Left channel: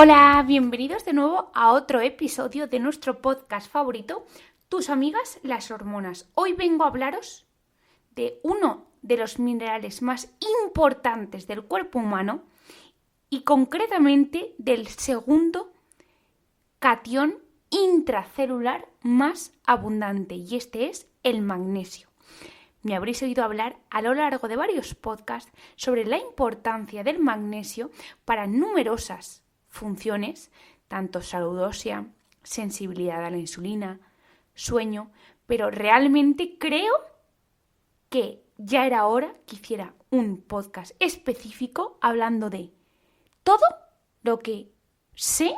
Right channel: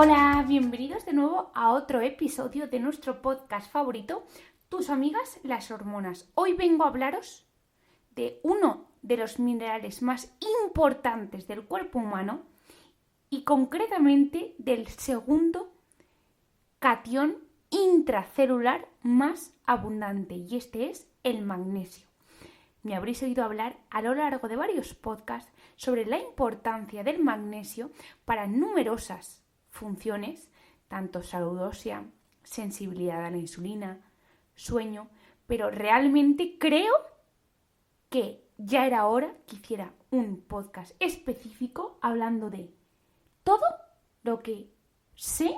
Hola, bienvenidos de nuevo a otro episodio de nuestro podcast favorito, Tus amigas las hormonas. Hoy vengo a hablaros de uno de los minerales más importantes del cuerpo humano y concretamente del segundo catión intracelular más abundante, y este es el magnesio. Me habréis oído hablar a lo largo de varios podcasts sobre la importancia del magnesio para numerosas funciones, tanto salud ósea, sensibilidad a la insulina, sueño, pero realmente creo que ya era hora que hiciera un podcast específico hablando de todo lo que sé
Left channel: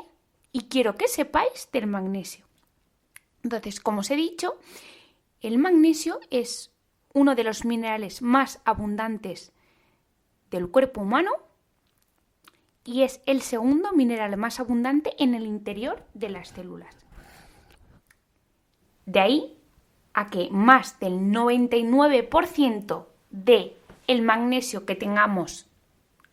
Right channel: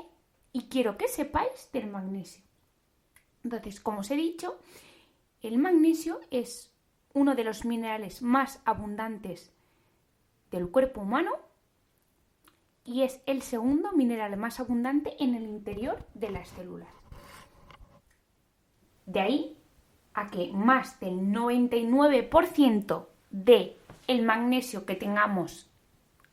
y quiero que sepáis del magnesio. Entonces, como os he dicho, el magnesio es uno de los minerales más abundantes del cuerpo humano y es el segundo mineral más abundante en el interior de las células. De ahí a que más del 99% del magnesio que tengamos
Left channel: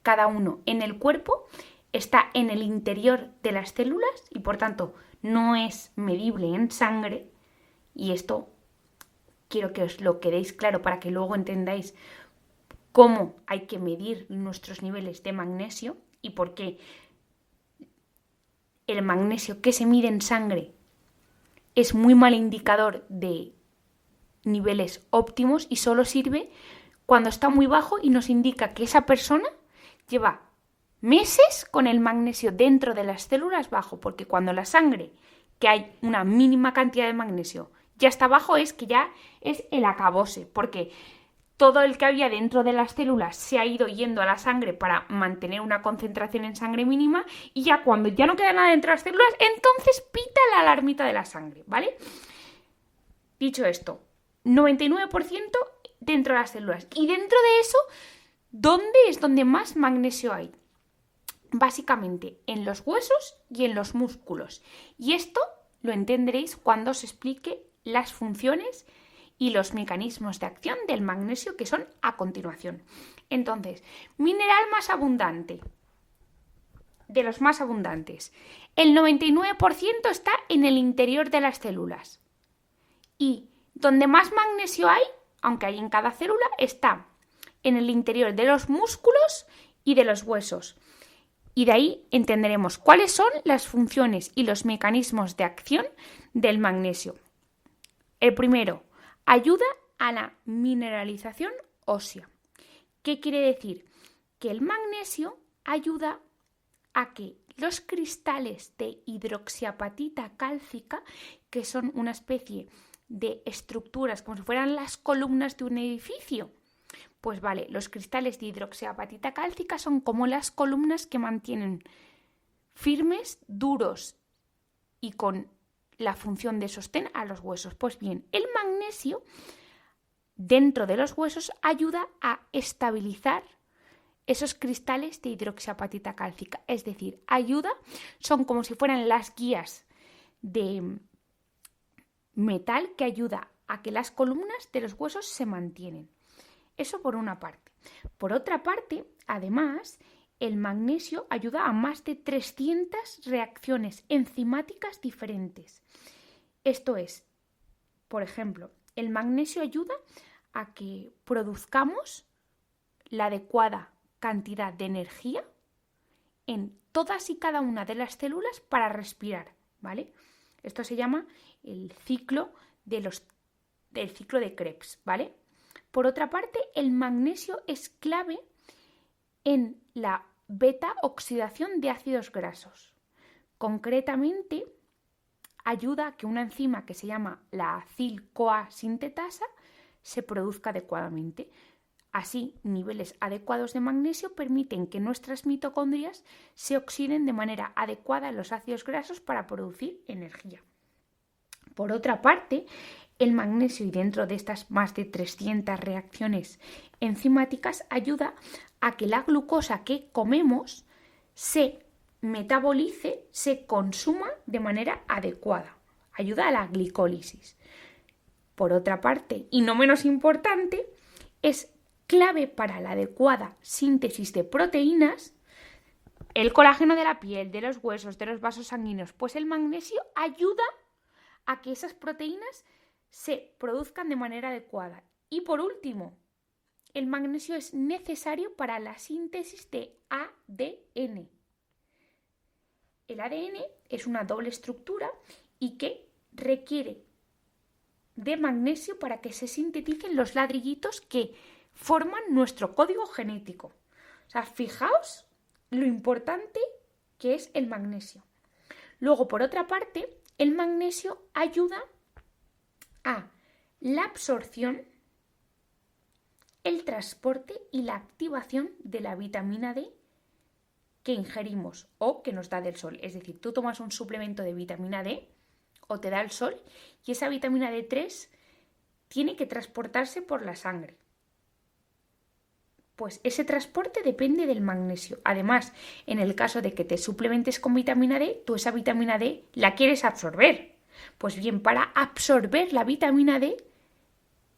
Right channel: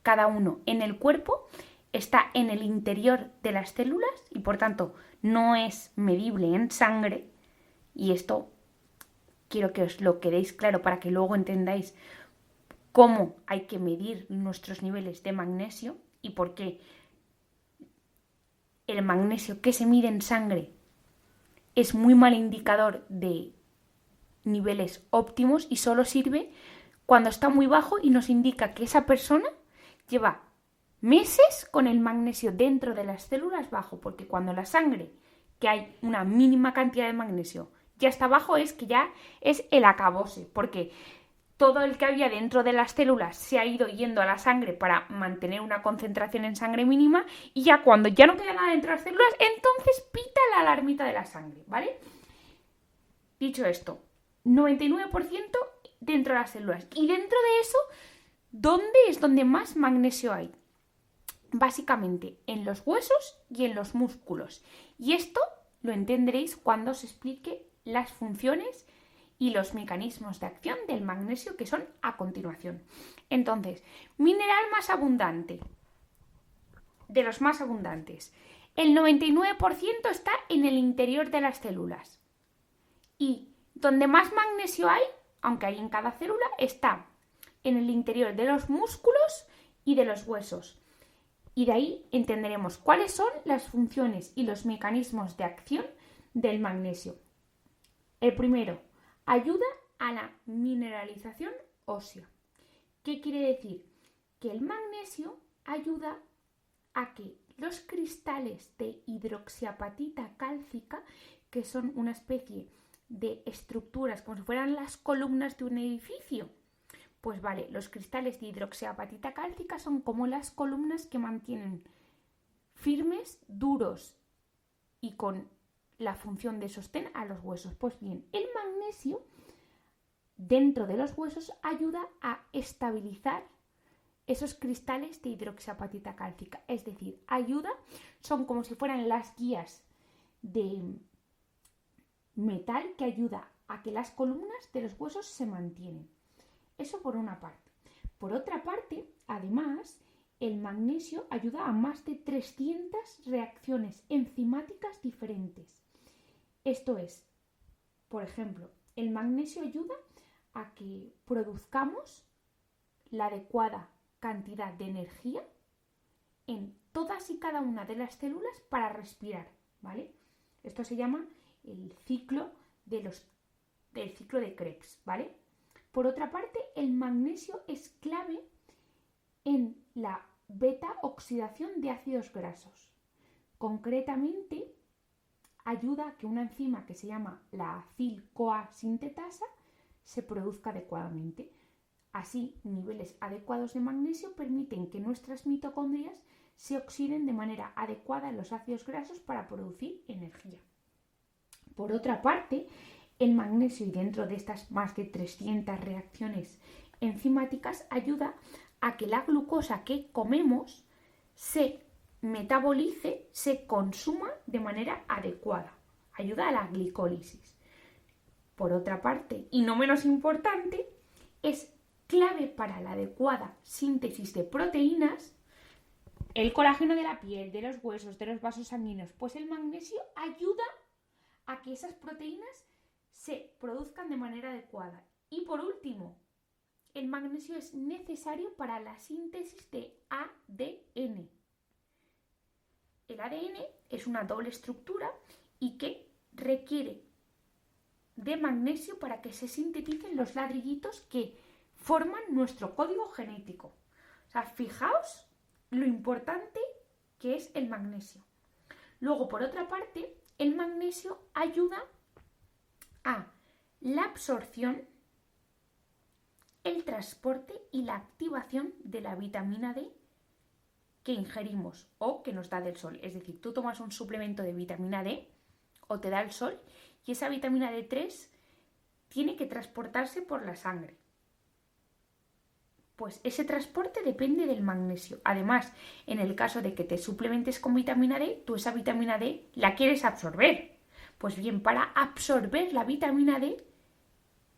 cada uno en el cuerpo está en el interior de las células y por tanto no es medible en sangre, y esto quiero que os lo quedéis claro para que luego entendáis cómo hay que medir nuestros niveles de magnesio y por qué el magnesio que se mide en sangre es muy mal indicador de niveles óptimos y solo sirve cuando está muy bajo y nos indica que esa persona lleva meses con el magnesio dentro de las células bajo, porque cuando la sangre, que hay una mínima cantidad de magnesio, ya está bajo, es que ya es el acabose, porque todo el que había dentro de las células se ha ido yendo a la sangre para mantener una concentración en sangre mínima, y ya cuando ya no queda nada dentro de las células, entonces pita la alarmita de la sangre, ¿vale? Dicho esto, 99% dentro de las células. Y dentro de eso, ¿dónde es donde más magnesio hay? Básicamente en los huesos y en los músculos. Y esto lo entenderéis cuando os explique las funciones y los mecanismos de acción del magnesio, que son a continuación. Entonces, mineral más abundante, de los más abundantes. El 99% está en el interior de las células. Y donde más magnesio hay, aunque hay en cada célula, está en el interior de los músculos y de los huesos. Y de ahí entenderemos cuáles son las funciones y los mecanismos de acción del magnesio. El primero, ayuda a la mineralización ósea. ¿Qué quiere decir? Que el magnesio ayuda a que los cristales de hidroxiapatita cálcica, que son una especie de estructuras como si fueran las columnas de un edificio, pues vale, los cristales de hidroxiapatita cálcica son como las columnas que mantienen firmes, duros y con la función de sostén a los huesos. Pues bien, el magnesio dentro de los huesos ayuda a estabilizar esos cristales de hidroxiapatita cálcica. Es decir, son como si fueran las guías de metal que ayuda a que las columnas de los huesos se mantienen. Eso por una parte. Por otra parte, además, el magnesio ayuda a más de 300 reacciones enzimáticas diferentes. Esto es, por ejemplo, el magnesio ayuda a que produzcamos la adecuada cantidad de energía en todas y cada una de las células para respirar, ¿vale? Esto se llama el ciclo del ciclo de Krebs, ¿vale? Por otra parte, el magnesio es clave en la beta-oxidación de ácidos grasos. Concretamente, ayuda a que una enzima que se llama la acil-CoA sintetasa se produzca adecuadamente. Así, niveles adecuados de magnesio permiten que nuestras mitocondrias se oxiden de manera adecuada en los ácidos grasos para producir energía. Por otra parte, el magnesio, y dentro de estas más de 300 reacciones enzimáticas, ayuda a que la glucosa que comemos se metabolice, se consuma de manera adecuada. Ayuda a la glicólisis. Por otra parte, y no menos importante, es clave para la adecuada síntesis de proteínas el colágeno de la piel, de los huesos, de los vasos sanguíneos. Pues el magnesio ayuda a que esas proteínas se produzcan de manera adecuada. Y por último, el magnesio es necesario para la síntesis de ADN. El ADN es una doble estructura y que requiere de magnesio para que se sinteticen los ladrillitos que forman nuestro código genético. O sea, fijaos lo importante que es el magnesio. Luego, por otra parte, el magnesio ayuda a la absorción, el transporte y la activación de la vitamina D que ingerimos o que nos da del sol. Es decir, tú tomas un suplemento de vitamina D o te da el sol y esa vitamina D3 tiene que transportarse por la sangre. Pues ese transporte depende del magnesio. Además, en el caso de que te suplementes con vitamina D, tú esa vitamina D la quieres absorber. Pues bien, para absorber la vitamina D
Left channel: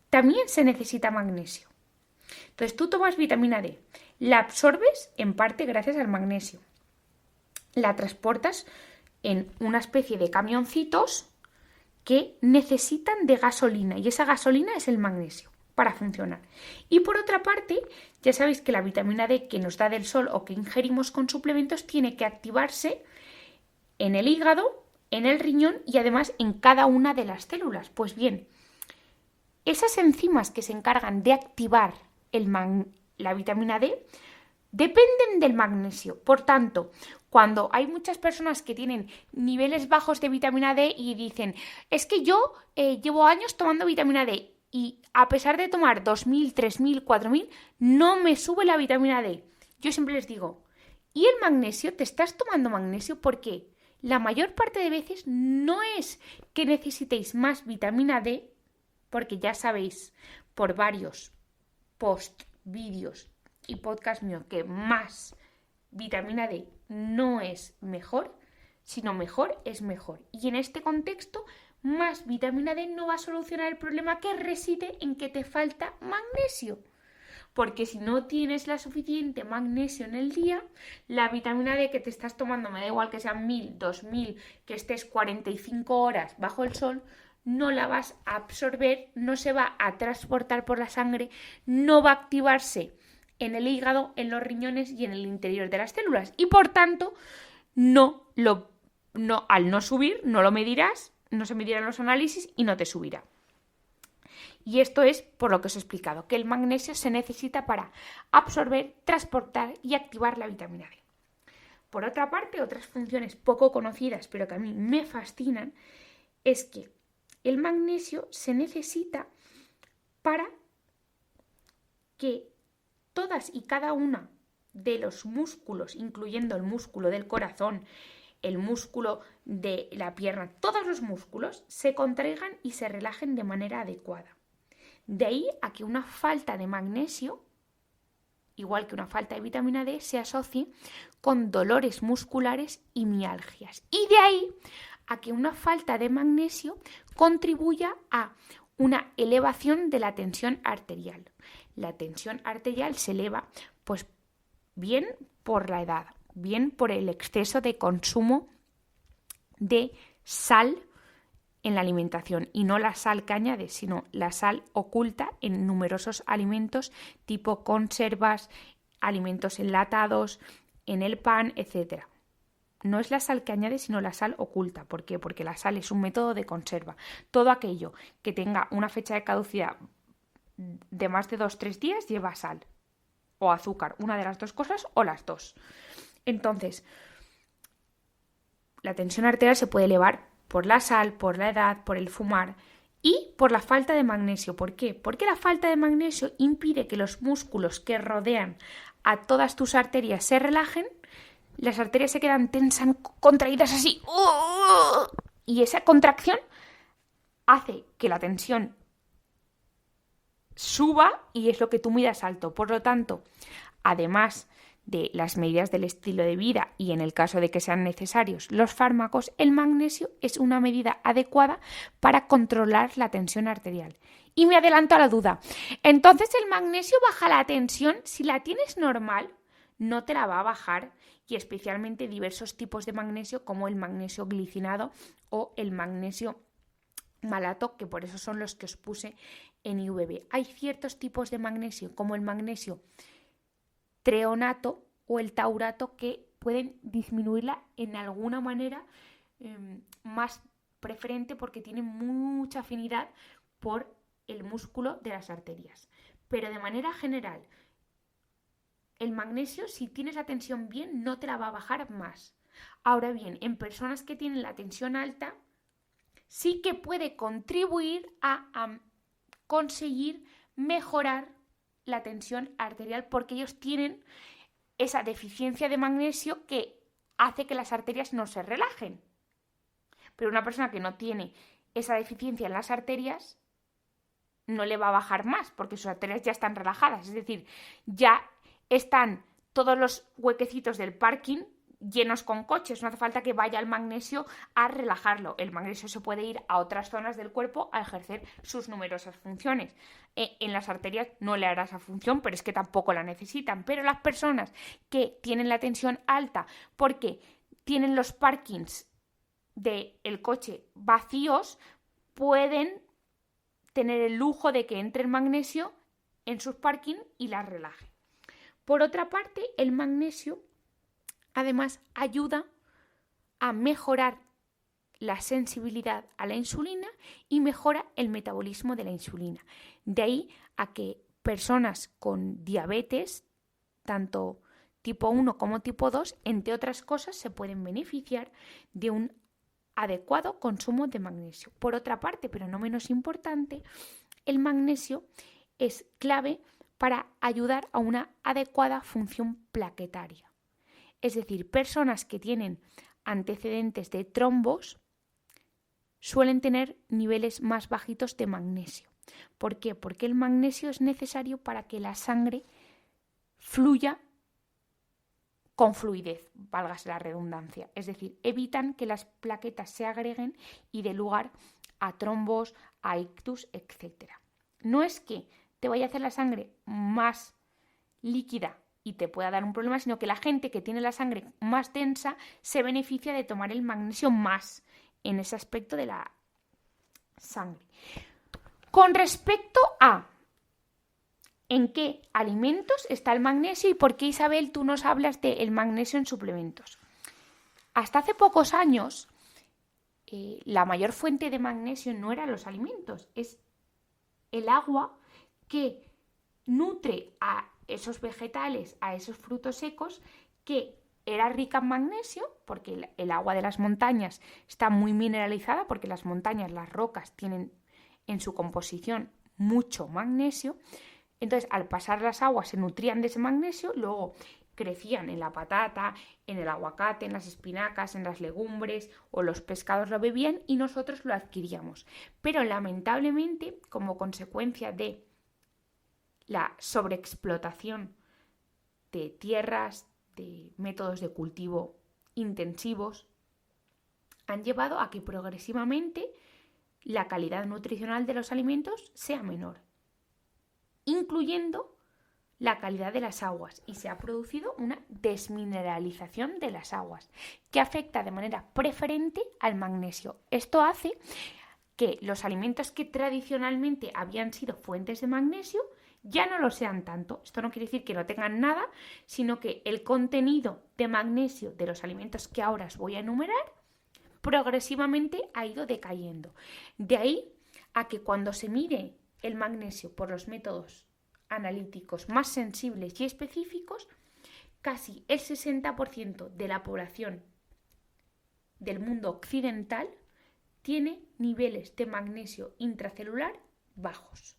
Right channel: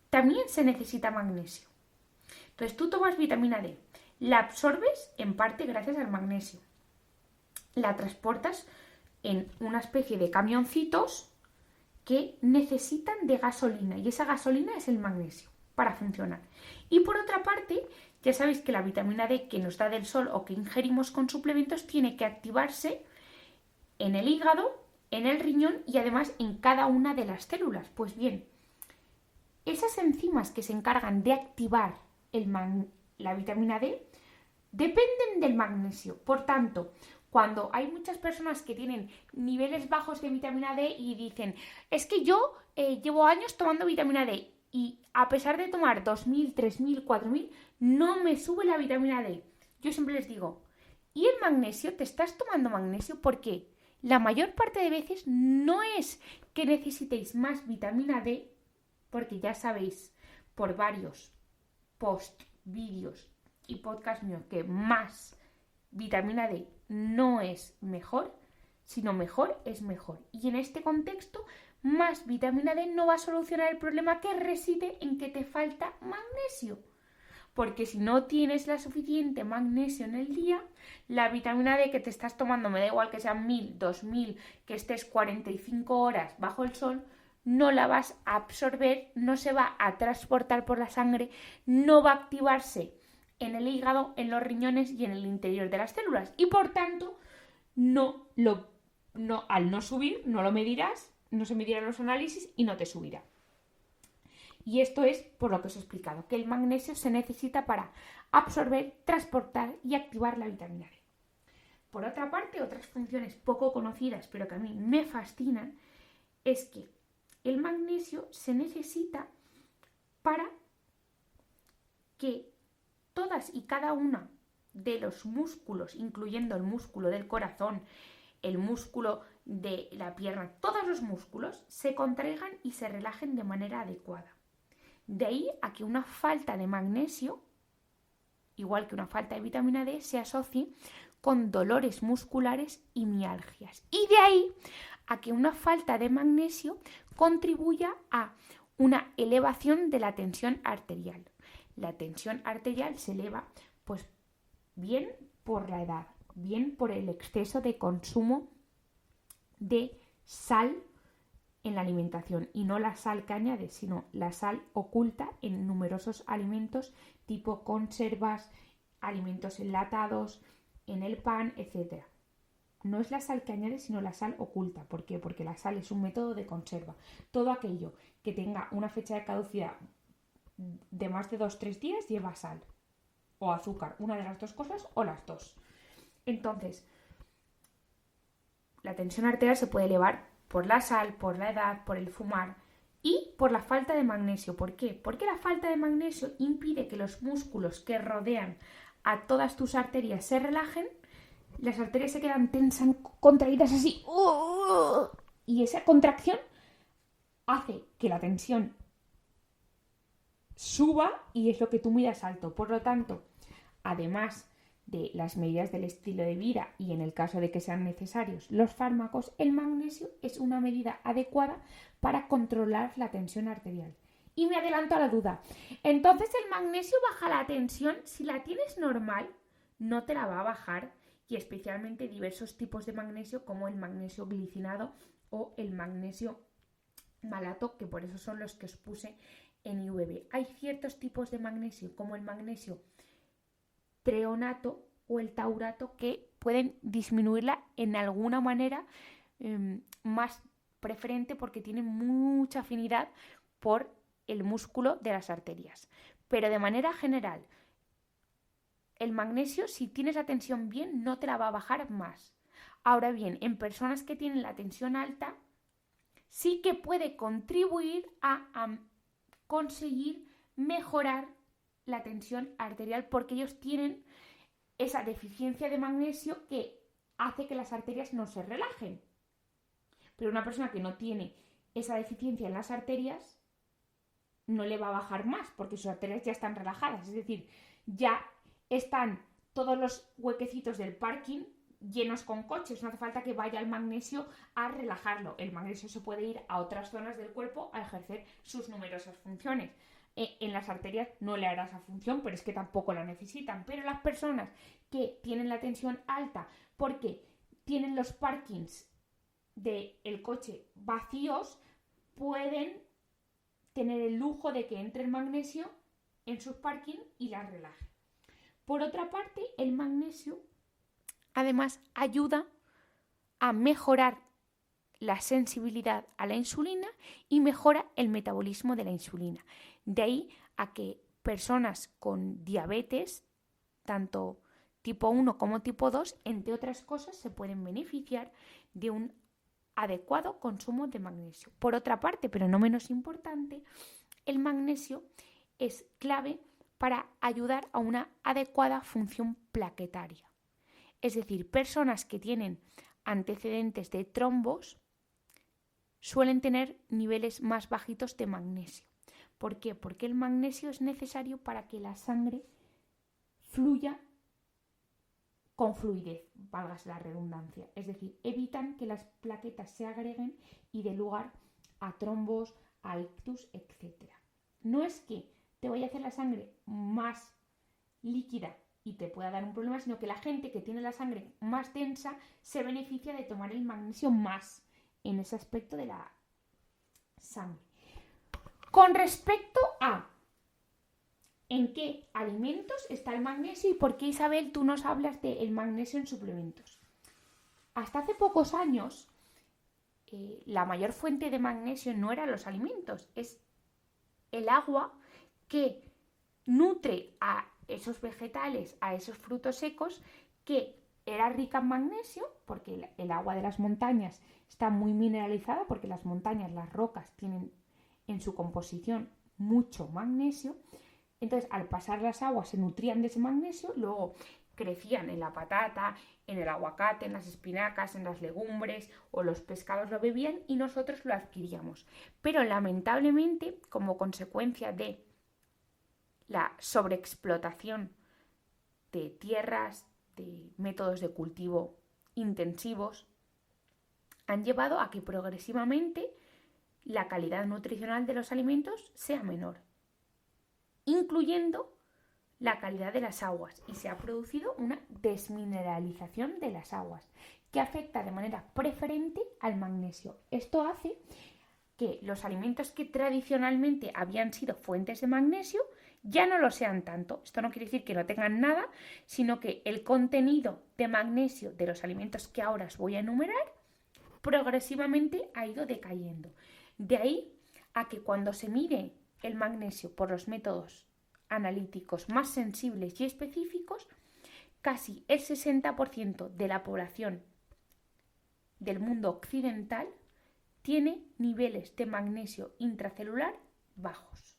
también se necesita magnesio. Entonces tú tomas vitamina D, la absorbes en parte gracias al magnesio. La transportas en una especie de camioncitos que necesitan de gasolina y esa gasolina es el magnesio para funcionar. Y por otra parte, ya sabéis que la vitamina D que nos da del sol o que ingerimos con suplementos tiene que activarse en el hígado, en el riñón y además en cada una de las células. Pues bien, esas enzimas que se encargan de activar la vitamina D dependen del magnesio. Por tanto, cuando hay muchas personas que tienen niveles bajos de vitamina D y dicen, es que yo llevo años tomando vitamina D y a pesar de tomar 2.000, 3.000, 4.000, no me sube la vitamina D. Yo siempre les digo, ¿y el magnesio? ¿Te estás tomando magnesio? Porque la mayor parte de veces no es que necesitéis más vitamina D, porque ya sabéis por varios post, vídeos y podcast míos que más vitamina D no es mejor, sino mejor es mejor. Y en este contexto, más vitamina D no va a solucionar el problema que reside en que te falta magnesio. Porque si no tienes la suficiente magnesio en el día, la vitamina D que te estás tomando, me da igual que sean 1.000, 2.000, que estés 45 horas bajo el sol, no la vas a absorber, no se va a transportar por la sangre, no va a activarse en el hígado, en los riñones y en el interior de las células. Y por tanto, al no subir, no lo medirás, no se medirán los análisis y no te subirá. Y esto es por lo que os he explicado, que el magnesio se necesita para absorber, transportar y activar la vitamina D. Por otra parte, otras funciones poco conocidas, pero que a mí me fascinan, es que el magnesio se necesita para que todas y cada una de los músculos, incluyendo el músculo del corazón, el músculo de la pierna, todos los músculos se contraigan y se relajen de manera adecuada. De ahí a que una falta de magnesio, igual que una falta de vitamina D, se asocie con dolores musculares y mialgias. Y de ahí a que una falta de magnesio contribuya a una elevación de la tensión arterial. La tensión arterial se eleva, pues bien por la edad, bien por el exceso de consumo de sal en la alimentación, y no la sal que añade, sino la sal oculta en numerosos alimentos tipo conservas, alimentos enlatados, en el pan, etc. No es la sal que añade, sino la sal oculta. ¿Por qué? Porque la sal es un método de conserva. Todo aquello que tenga una fecha de caducidad de más de 2-3 días lleva sal o azúcar, una de las dos cosas o las dos. Entonces, la tensión arterial se puede elevar por la sal, por la edad, por el fumar y por la falta de magnesio. ¿Por qué? Porque la falta de magnesio impide que los músculos que rodean a todas tus arterias se relajen, las arterias se quedan tensas, contraídas así, y esa contracción hace que la tensión suba y es lo que tú midas alto. Por lo tanto, además de las medidas del estilo de vida y en el caso de que sean necesarios los fármacos, el magnesio es una medida adecuada para controlar la tensión arterial. Y me adelanto a la duda. Entonces, ¿el magnesio baja la tensión? Si la tienes normal, no te la va a bajar. y especialmente diversos tipos de magnesio como el magnesio glicinado o el magnesio malato, que por eso son los que os puse en IVB. Hay ciertos tipos de magnesio como el magnesio treonato o el taurato que pueden disminuirla en alguna manera más preferente porque tienen mucha afinidad por el músculo de las arterias. Pero de manera general, el magnesio, si tienes la tensión bien, no te la va a bajar más. Ahora bien, en personas que tienen la tensión alta, sí que puede contribuir a conseguir mejorar la tensión arterial porque ellos tienen esa deficiencia de magnesio que hace que las arterias no se relajen. Pero una persona que no tiene esa deficiencia en las arterias no le va a bajar más porque sus arterias ya están relajadas, es decir, ya están todos los huequecitos del parking llenos con coches, no hace falta que vaya el magnesio a relajarlo. El magnesio se puede ir a otras zonas del cuerpo a ejercer sus numerosas funciones. En las arterias no le hará esa función, pero es que tampoco la necesitan. Pero las personas que tienen la tensión alta porque tienen los parkings del coche vacíos, pueden tener el lujo de que entre el magnesio en sus parkings y las relaje. Por otra parte, el magnesio además ayuda a mejorar la sensibilidad a la insulina y mejora el metabolismo de la insulina. De ahí a que personas con diabetes, tanto tipo 1 como tipo 2, entre otras cosas, se pueden beneficiar de un adecuado consumo de magnesio. Por otra parte, pero no menos importante, el magnesio es clave para ayudar a una adecuada función plaquetaria. Es decir, personas que tienen antecedentes de trombos suelen tener niveles más bajitos de magnesio. ¿Por qué? Porque el magnesio es necesario para que la sangre fluya con fluidez, válgase la redundancia. Es decir, evitan que las plaquetas se agreguen y dé lugar a trombos, a ictus, etc. No es que te vaya a hacer la sangre más líquida y te pueda dar un problema, sino que la gente que tiene la sangre más densa se beneficia de tomar el magnesio más en ese aspecto de la sangre. Con respecto a en qué alimentos está el magnesio y por qué, Isabel, tú nos hablas del magnesio en suplementos. Hasta hace pocos años, la mayor fuente de magnesio no eran los alimentos, es el agua que nutre a esos vegetales, a esos frutos secos, que era rica en magnesio, porque el agua de las montañas está muy mineralizada, porque las montañas, las rocas, tienen en su composición mucho magnesio. Entonces, al pasar las aguas se nutrían de ese magnesio, luego crecían en la patata, en el aguacate, en las espinacas, en las legumbres o los pescados lo bebían y nosotros lo adquiríamos. Pero lamentablemente, como consecuencia de la sobreexplotación de tierras, de métodos de cultivo intensivos, han llevado a que progresivamente la calidad nutricional de los alimentos sea menor, incluyendo la calidad de las aguas, y se ha producido una desmineralización de las aguas que afecta de manera preferente al magnesio. Esto hace que los alimentos que tradicionalmente habían sido fuentes de magnesio ya no lo sean tanto. Esto no quiere decir que no tengan nada, sino que el contenido de magnesio de los alimentos que ahora os voy a enumerar progresivamente ha ido decayendo. De ahí a que cuando se mide el magnesio por los métodos analíticos más sensibles y específicos, casi el 60% de la población del mundo occidental tiene niveles de magnesio intracelular bajos,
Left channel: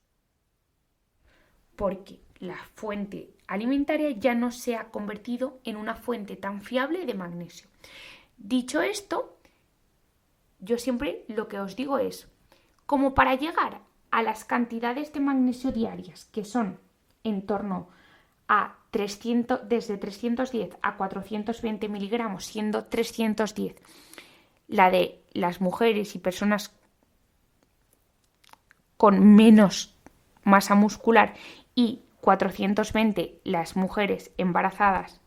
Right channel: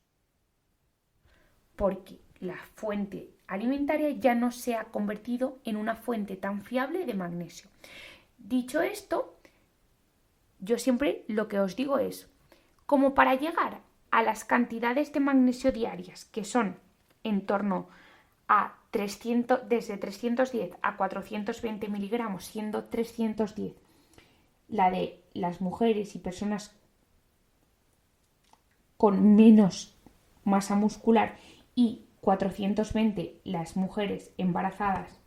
porque la fuente alimentaria ya no se ha convertido en una fuente tan fiable de magnesio. Dicho esto, yo siempre lo que os digo es, como para llegar a las cantidades de magnesio diarias, que son en torno a desde 310 a 420 miligramos, siendo 310 la de las mujeres y personas con menos masa muscular y 420 las mujeres embarazadas,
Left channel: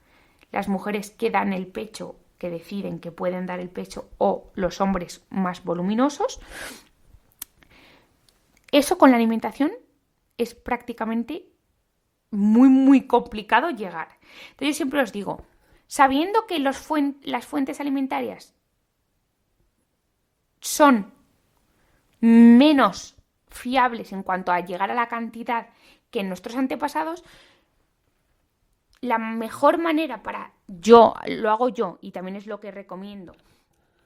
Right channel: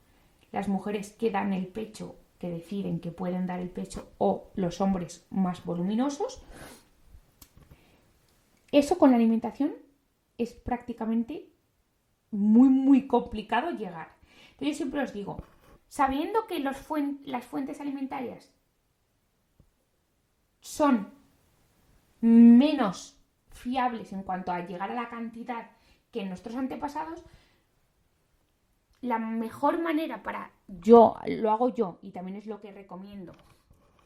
las mujeres que dan el pecho, que deciden que pueden dar el pecho, o los hombres más voluminosos. Eso con la alimentación es prácticamente muy, muy complicado llegar. Entonces yo siempre os digo, sabiendo que las fuentes alimentarias son menos fiables en cuanto a llegar a la cantidad que en nuestros antepasados, la mejor manera lo hago yo y también es lo que recomiendo,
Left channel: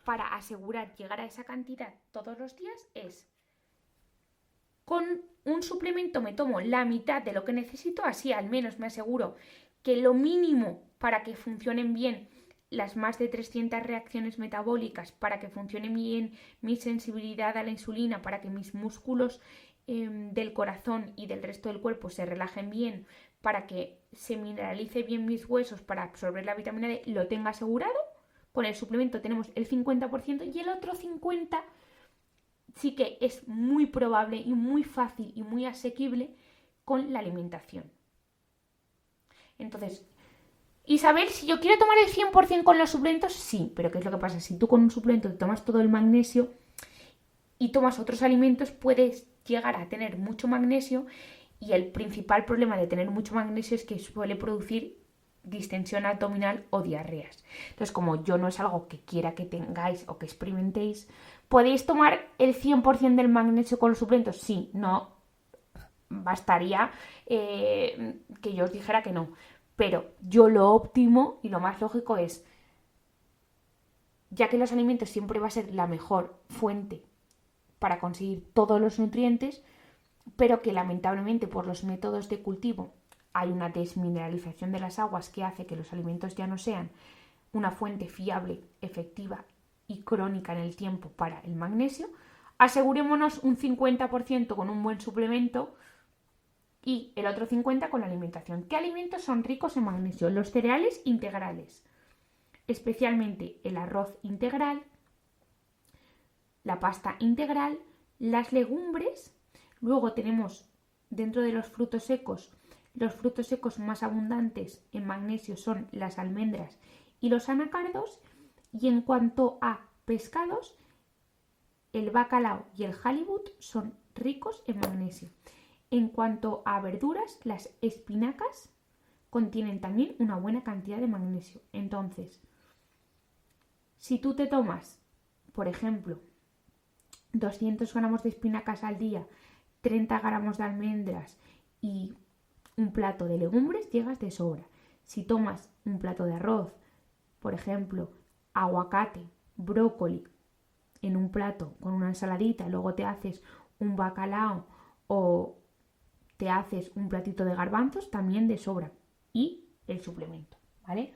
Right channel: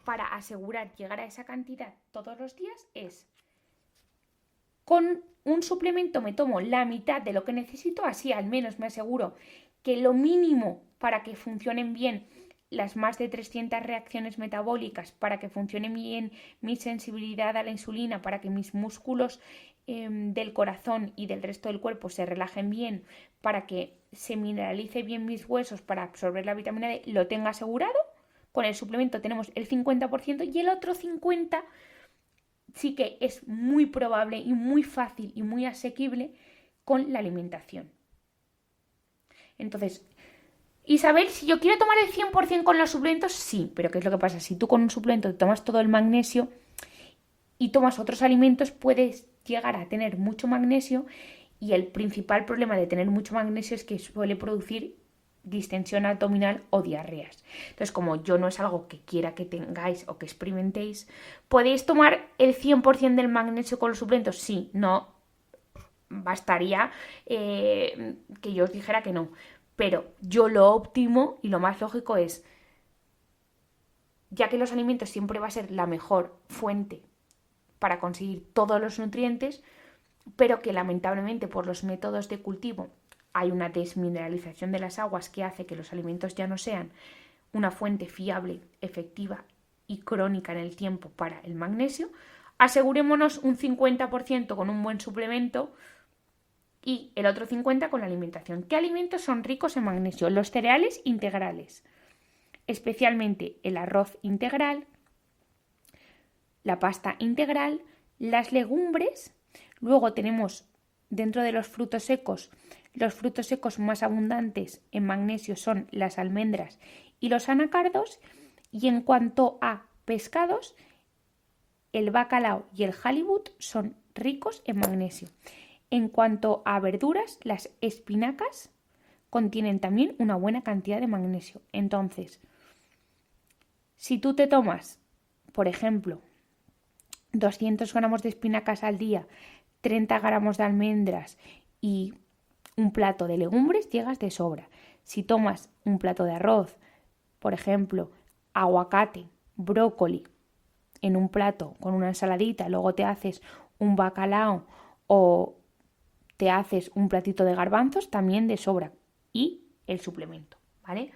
para asegurar llegar a esa cantidad todos los días es, con un suplemento me tomo la mitad de lo que necesito, así al menos me aseguro que lo mínimo para que funcionen bien las más de 300 reacciones metabólicas, para que funcione bien mi sensibilidad a la insulina, para que mis músculos del corazón y del resto del cuerpo se relajen bien, para que se mineralice bien mis huesos, para absorber la vitamina D, lo tenga asegurado. Con el suplemento tenemos el 50% y el otro 50% sí que es muy probable y muy fácil y muy asequible con la alimentación. Entonces, Isabel, si yo quiero tomar el 100% con los suplementos, sí, pero ¿qué es lo que pasa? Si tú con un suplemento te tomas todo el magnesio y tomas otros alimentos, puedes llegar a tener mucho magnesio y el principal problema de tener mucho magnesio es que suele producir distensión abdominal o diarreas. Entonces, como yo no es algo que quiera que tengáis o que experimentéis, ¿podéis tomar el 100% del magnesio con los suplementos? Sí, no bastaría que yo os dijera que no. Pero yo lo óptimo y lo más lógico es, ya que los alimentos siempre va a ser la mejor fuente para conseguir todos los nutrientes, pero que lamentablemente por los métodos de cultivo hay una desmineralización de las aguas que hace que los alimentos ya no sean una fuente fiable, efectiva y crónica en el tiempo para el magnesio, asegurémonos un 50% con un buen suplemento y el otro 50% con la alimentación. ¿Qué alimentos son ricos en magnesio? Los cereales integrales, especialmente el arroz integral, la pasta integral, las legumbres. Luego tenemos dentro de los frutos secos más abundantes en magnesio son las almendras y los anacardos. Y en cuanto a pescados, el bacalao y el halibut son ricos en magnesio. En cuanto a verduras, las espinacas contienen también una buena cantidad de magnesio. Entonces, si tú te tomas, por ejemplo, 200 gramos de espinacas al día, 30 gramos de almendras y un plato de legumbres, llegas de sobra. Si tomas un plato de arroz, por ejemplo, aguacate, brócoli, en un plato con una ensaladita, luego te haces un bacalao o te haces un platito de garbanzos, también de sobra. Y el suplemento, ¿vale?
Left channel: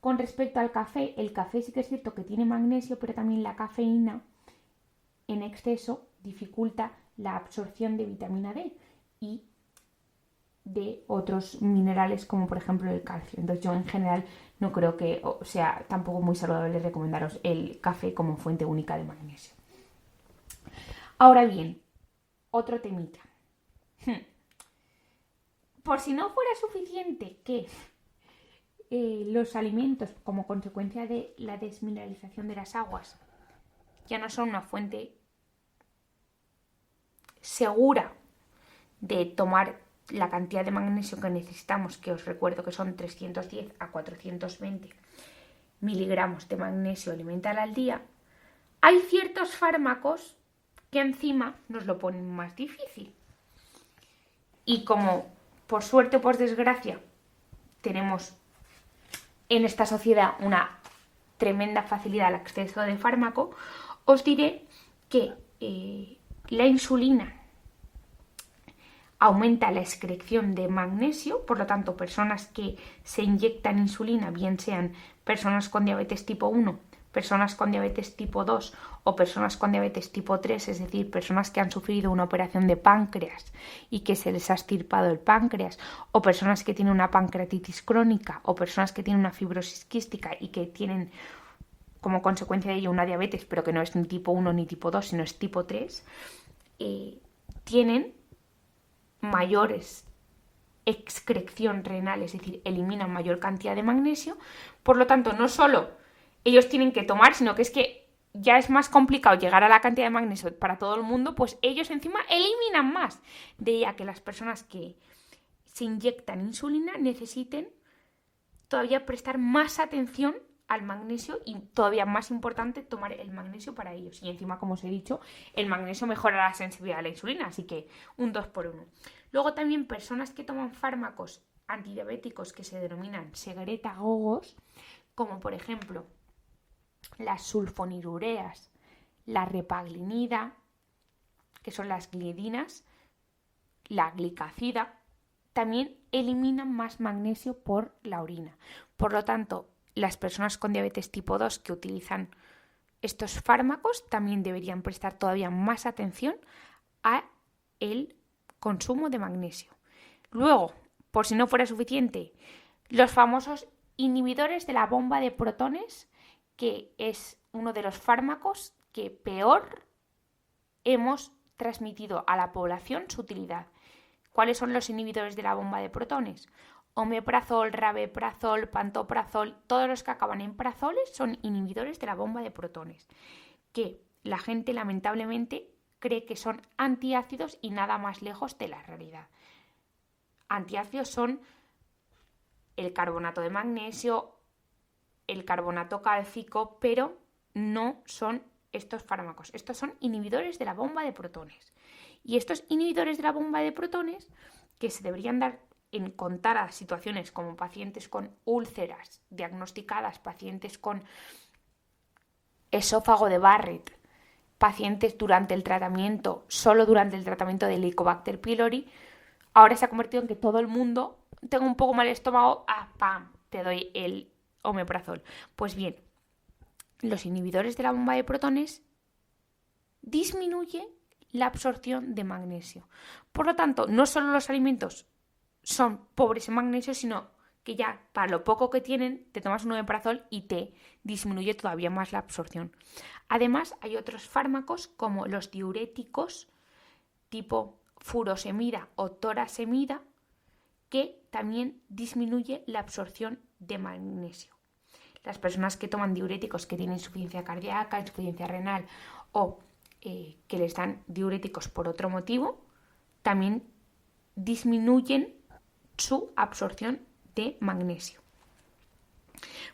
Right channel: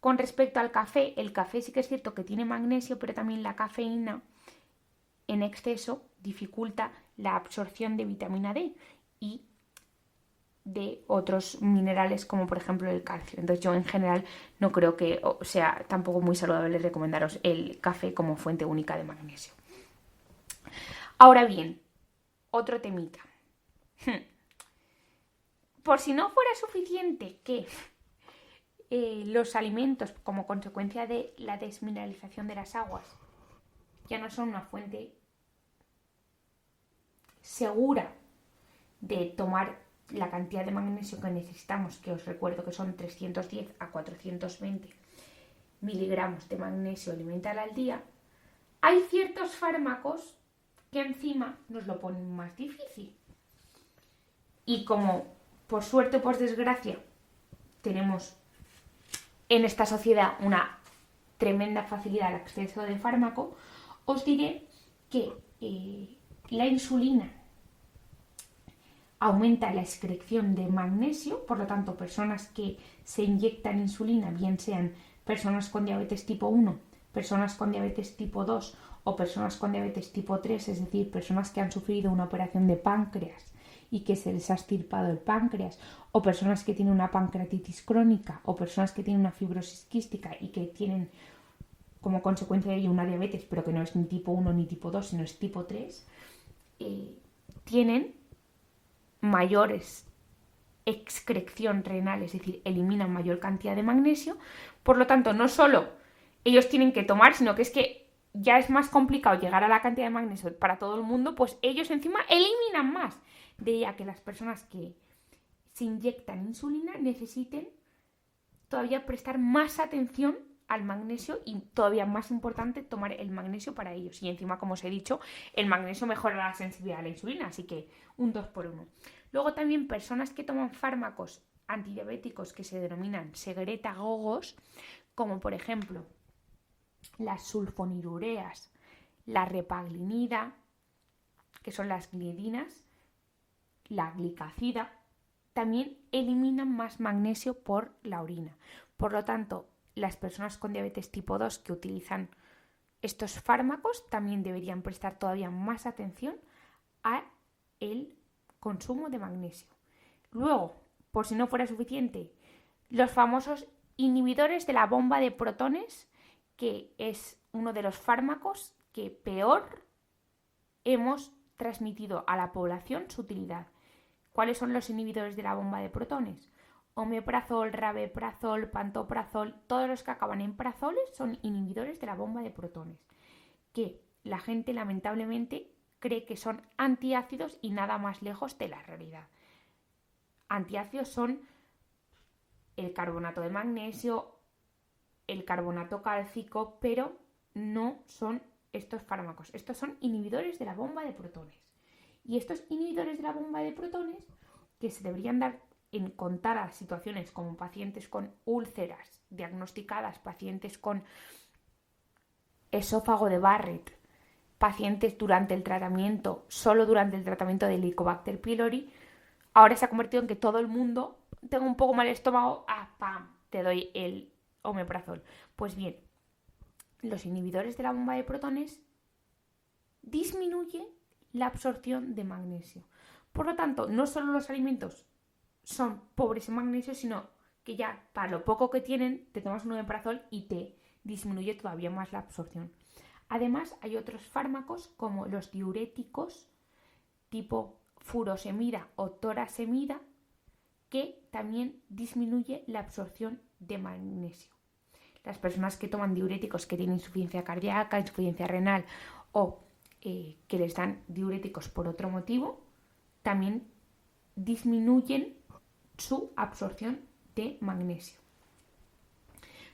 Con respecto al café, el café sí que es cierto que tiene magnesio, pero también la cafeína en exceso dificulta la absorción de vitamina D y de otros minerales como por ejemplo el calcio. Entonces yo en general no creo que sea tampoco muy saludable recomendaros el café como fuente única de magnesio. Ahora bien, otro temita. Por si no fuera suficiente que los alimentos como consecuencia de la desmineralización de las aguas ya no son una fuente segura de tomar la cantidad de magnesio que necesitamos, que os recuerdo que son 310 a 420 miligramos de magnesio elemental al día, hay ciertos fármacos que encima nos lo ponen más difícil. Y como por suerte o por desgracia tenemos en esta sociedad una tremenda facilidad al acceso de fármaco, os diré que la insulina aumenta la excreción de magnesio, por lo tanto, personas que se inyectan insulina, bien sean personas con diabetes tipo 1, personas con diabetes tipo 2 o personas con diabetes tipo 3, es decir, personas que han sufrido una operación de páncreas y que se les ha extirpado el páncreas, o personas que tienen una pancreatitis crónica, o personas que tienen una fibrosis quística y que tienen como consecuencia de ello una diabetes, pero que no es ni tipo 1 ni tipo 2, sino es tipo 3, tienen mayores excreción renal, es decir, eliminan mayor cantidad de magnesio. Por lo tanto, no solo ellos tienen que tomar, sino que es que ya es más complicado llegar a la cantidad de magnesio para todo el mundo, pues ellos encima eliminan más. De ahí a que las personas que se inyectan insulina necesiten todavía prestar más atención al magnesio y todavía más importante tomar el magnesio para ellos. Y encima, como os he dicho, el magnesio mejora la sensibilidad a la insulina, así que un 2 por 1. Luego también personas que toman fármacos antidiabéticos que se denominan secretagogos, como por ejemplo las sulfonilureas, la repaglinida, que son las glidinas, la glicacida, también eliminan más magnesio por la orina. Por lo tanto, las personas con diabetes tipo 2 que utilizan estos fármacos también deberían prestar todavía más atención a el consumo de magnesio. Luego, por si no fuera suficiente, los famosos inhibidores de la bomba de protones, que es uno de los fármacos que peor hemos transmitido a la población su utilidad. ¿Cuáles son los inhibidores de la bomba de protones? Omeprazol, rabeprazol, pantoprazol, todos los que acaban en prazoles son inhibidores de la bomba de protones, que la gente lamentablemente cree que son antiácidos y nada más lejos de la realidad. Antiácidos son el carbonato de magnesio, el carbonato cálcico, pero no son estos fármacos. Estos son inhibidores de la bomba de protones. Y estos inhibidores de la bomba de protones, que se deberían dar en contadas situaciones como pacientes con úlceras diagnosticadas, pacientes con esófago de Barrett, pacientes durante el tratamiento, solo durante el tratamiento de Helicobacter pylori, ahora se ha convertido en que todo el mundo, tengo un poco mal estómago, ¡pam!, te doy el omeprazol. Pues bien, los inhibidores de la bomba de protones disminuyen la absorción de magnesio. Por lo tanto, no solo los alimentos son pobres en magnesio, sino que ya para lo poco que tienen te tomas un omeprazol y te disminuye todavía más la absorción. Además, hay otros fármacos como los diuréticos tipo furosemida o torasemida que también disminuye la absorción de magnesio. Las personas que toman diuréticos que tienen insuficiencia cardíaca, insuficiencia renal o que les dan diuréticos por otro motivo, también disminuyen su absorción de magnesio.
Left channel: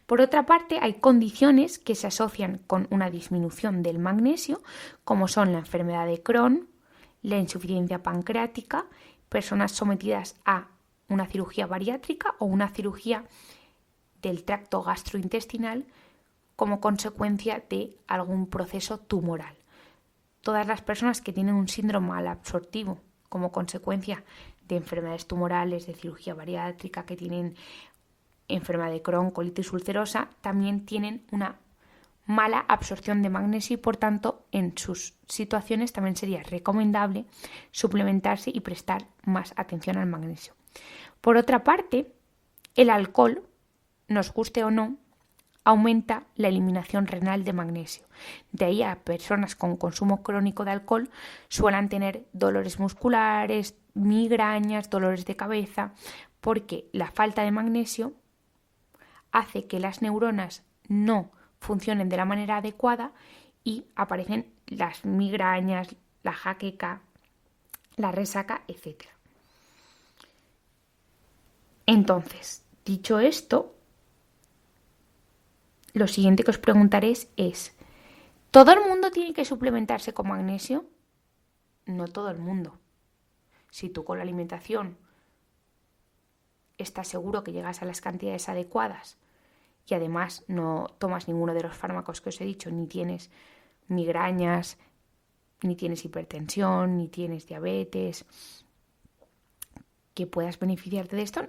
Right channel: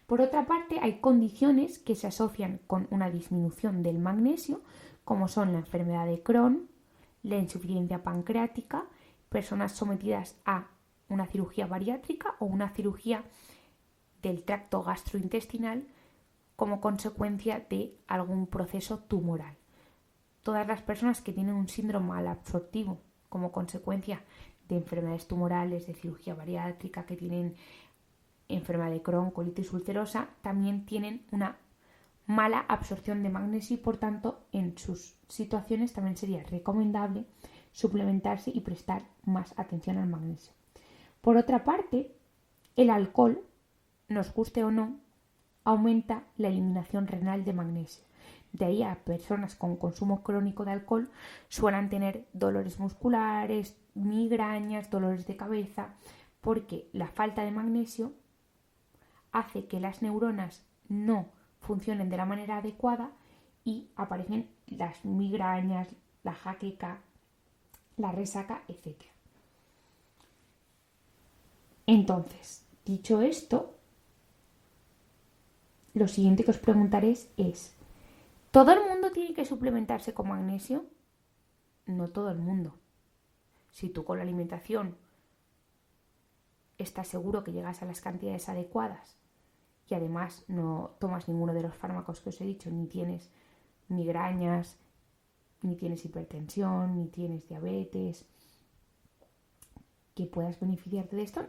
Por otra parte, hay condiciones que se asocian con una disminución del magnesio, como son la enfermedad de Crohn, la insuficiencia pancreática, personas sometidas a una cirugía bariátrica o una cirugía del tracto gastrointestinal como consecuencia de algún proceso tumoral. Todas las personas que tienen un síndrome malabsortivo como consecuencia de enfermedades tumorales, de cirugía bariátrica, que tienen enfermedad de Crohn, colitis ulcerosa, también tienen una mala absorción de magnesio y por tanto en sus situaciones también sería recomendable suplementarse y prestar más atención al magnesio. Por otra parte, el alcohol, nos guste o no, aumenta la eliminación renal de magnesio. De ahí a personas con consumo crónico de alcohol suelen tener dolores musculares, migrañas, dolores de cabeza, porque la falta de magnesio hace que las neuronas no funcionen de la manera adecuada y aparecen las migrañas, la jaqueca, la resaca, etc. Entonces, dicho esto, lo siguiente que os preguntaré es, ¿todo el mundo tiene que suplementarse con magnesio? No todo el mundo. Si tú con la alimentación estás seguro que llegas a las cantidades adecuadas y además no tomas ninguno de los fármacos que os he dicho, ni tienes migrañas, ni tienes hipertensión, ni tienes diabetes, que puedas beneficiarte de esto,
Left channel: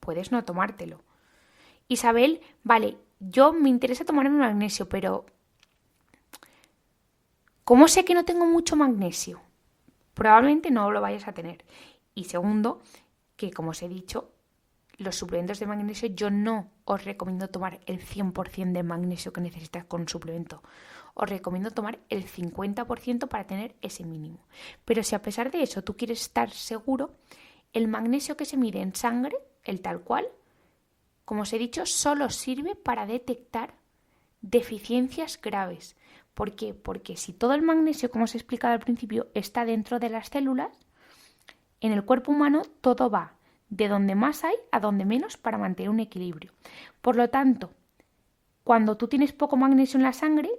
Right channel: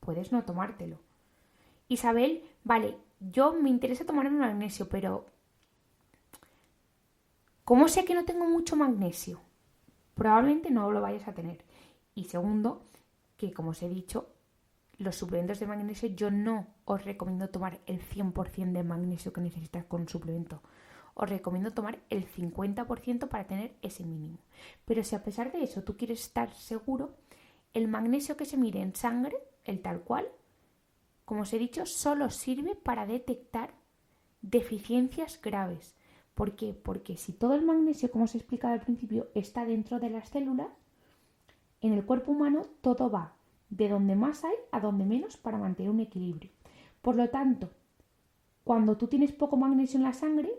puedes no tomártelo. Isabel, vale, yo me interesa tomarme magnesio, pero ¿cómo sé que no tengo mucho magnesio? Probablemente no lo vayas a tener. Y segundo, que como os he dicho, los suplementos de magnesio yo no os recomiendo tomar el 100% de magnesio que necesitas con un suplemento. Os recomiendo tomar el 50% para tener ese mínimo. Pero si a pesar de eso tú quieres estar seguro, el magnesio que se mide en sangre, el tal cual, como os he dicho, solo sirve para detectar deficiencias graves. ¿Por qué? Porque si todo el magnesio, como os he explicado al principio, está dentro de las células, en el cuerpo humano todo va de donde más hay a donde menos para mantener un equilibrio. Por lo tanto, cuando tú tienes poco magnesio en la sangre,